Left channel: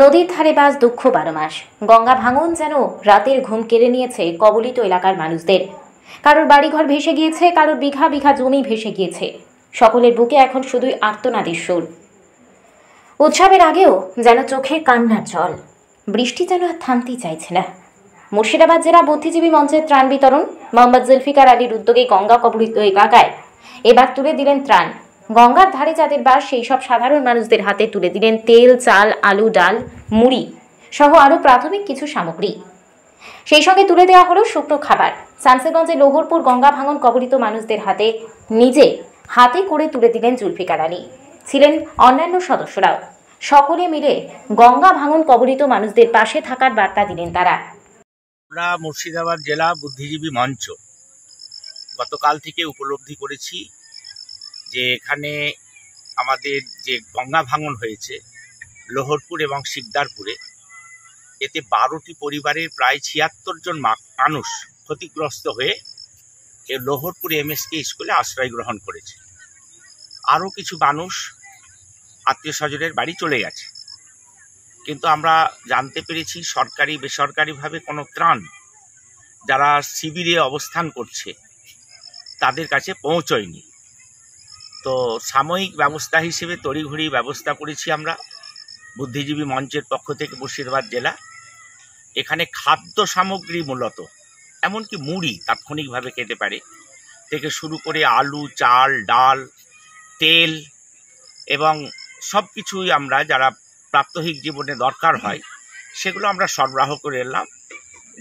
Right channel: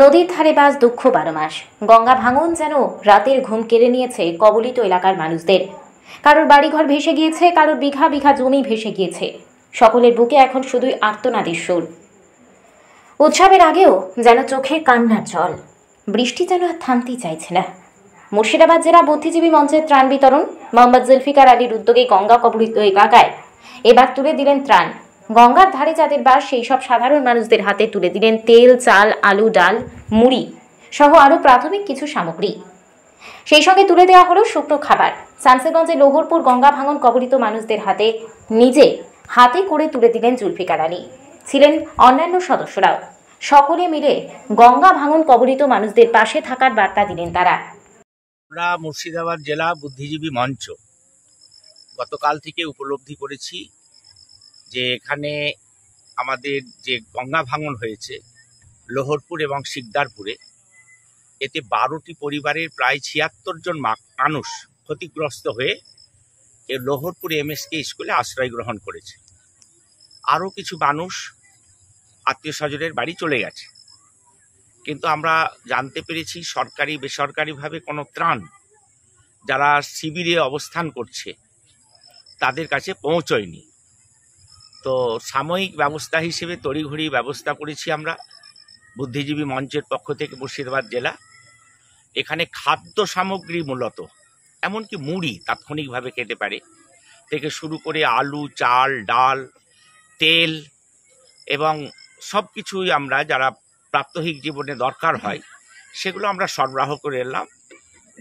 নদীর ধারে বাস দুঃখ 12 মাস। গঙ্গা ভাঙন যেন রাতের ঘুম কেড়ে নিয়েছে কবলিত এলাকার মানুষদের। কারোর বাড়িঘর ভেসে গিয়েছে, কারোর বিঘা বিঘা জমি ভেসে গিয়েছে। সকলের বুকে এখন শুধুই আর্তনাদের সুর। উৎসবের আগেও যেন চোখে কান্নার জল। বৃষ্টি যেন আর থামতেই চাইছে না। মুর্শিদাবাদ জেলা বুদ্ধিজীবী মঞ্চের ত্রাণ বিতরণ। মোহাম্মদ জুলফিকার আলীর উদ্যোগে গঙ্গা কবলিত এলাকায় এবার তুলে দিলেন ত্রাণ। গঙ্গার ধারে যাদের বাস সেই সব সাধারণ মানুষদের হাতে তুলে দিলেন তেল, চাল, আলু, ডাল, মুড়ি সহ আরও প্রাথমিক কিছু সামগ্রী। সেই সঙ্গে তুলে দেওয়া হলো শুকনো খাবার। শামসেরগঞ্জে লোহরপুর গঙ্গা ভাঙন কবলিত মানুষদের হাতে নিজে হাতে করে তুলে দিলেন জুলফিকার আলী। ছিলেন অন্যান্য সদস্যরাও। সকলে মিলে গঙ্গা ভাঙন কবলিত মানুষদের পাশে থাকার বার্তা দিলেন তারা। আমরা মুর্শিদাবাদ জেলা বুদ্ধিজীবী মঞ্চ গতকাল থেকে উপলব্ধি করেছি যে এখানে আমাদের যে গঙ্গা ভাঙন হয়েছে লোহরপুর এবং শিকদারপুরে, এতে 12টি পরিবারের প্রায় 76 জন মানুষ ক্ষতিগ্রস্ত হয়ে লোহরপুর এমএসকে স্কুলে আশ্রয় গ্রহণ করেছে। আরও কিছু মানুষ আত্মীয় স্বজনের বাড়ি চলে গেছে, কিন্তু আমরা জানতে পেরেছি সরকারি বেসরকারিভাবে কোনো ত্রাণ যারা শিবিরে অবস্থান করছে তাদের কাছে পৌঁছয়নি। তো সাময়িক ব্যবস্থা হিসেবে তড়িঘড়ি ব্যবস্থা করেছি আমরা বুদ্ধিজীবী মঞ্চের পক্ষ থেকে মুর্শিদাবাদ জেলা। এখানে খাদ্য সামগ্রী মূলত এমনকি মুড়ি তাৎক্ষণিকভাবে খেতে পারে থেকে শুরু করে আলু, চাল, ডাল, তেল এবং সব কিছুই আমরা যারা প্রাত্যহিক জীবনে দরকার হয় সেগুলো আমরা সরবরাহ করে এলাম,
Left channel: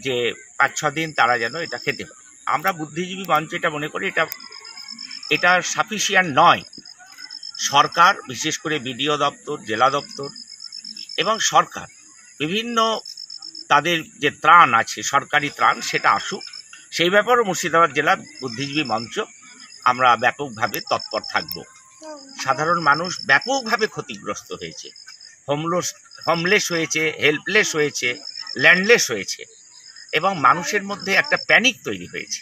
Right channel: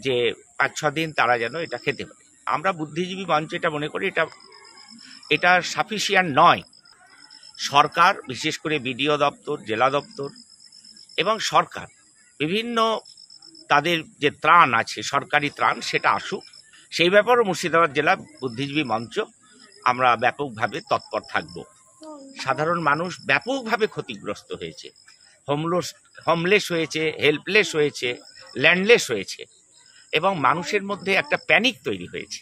যে 5-6 দিন তারা যেন এটা খেতে পারে। আমরা বুদ্ধিজীবী মঞ্চ এটা মনে করি এটা সাফিসিয়েন্ট নয়। সরকার, বিশেষ করে বিডিও দপ্তর, জেলা দপ্তর এবং সরকার বিভিন্ন তাদের যে ত্রাণ আছে, সরকারি ত্রাণ, সেটা আসুক। সেই ব্যাপারেও মুর্শিদাবাদ জেলা বুদ্ধিজীবী মঞ্চ আমরা ব্যাপকভাবে তৎপর থাকব। সাধারণ মানুষ ব্যাপকভাবে ক্ষতিগ্রস্ত হয়েছে, হোমলেস হয়েছে, হেল্পলেস হয়েছে, ল্যান্ডলেস হয়েছে এবং মানুষের মধ্যে একটা প্যানিক তৈরি হয়েছে।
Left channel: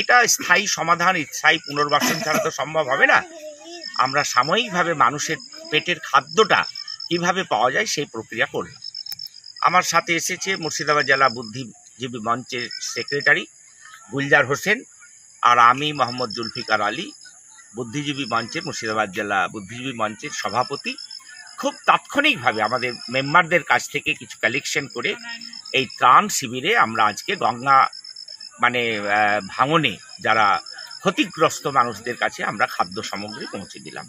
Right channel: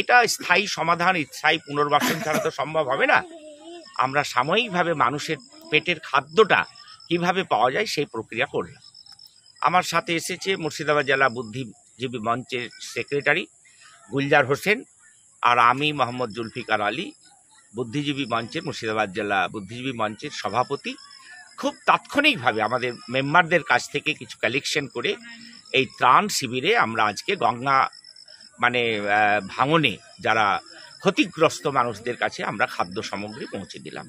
এটা স্থায়ী সমাধান, স্থায়ী পুনর্বাসন ছাড়া তো সম্ভব হবে না। আমরা সাময়িকভাবে মানুষের পেটের খাদ্যটা কিভাবে পাওয়া যায় সেই প্রক্রিয়া করলাম। আমার সাথে এসেছে মুর্শিদাবাদ জেলা বুদ্ধিজীবী মঞ্চের সেক্রেটারি গুলজার হোসেন, আর আমি মোহাম্মদ জুলফিকার আলী, বুদ্ধিজীবী মঞ্চের মুর্শিদাবাদ জেলা বুদ্ধিজীবী মঞ্চের সভাপতি। খুব তাৎক্ষণিকভাবে আমাদের মেম্বারদের কাছ থেকে কিছু কালেকশন করে এই ত্রাণ শিবিরে আমরা আজকে গঙ্গা ভাঙনে যারা ক্ষতিগ্রস্ত মানুষদের কাছে আমরা খাদ্য সামগ্রী পৌঁছে দিলাম।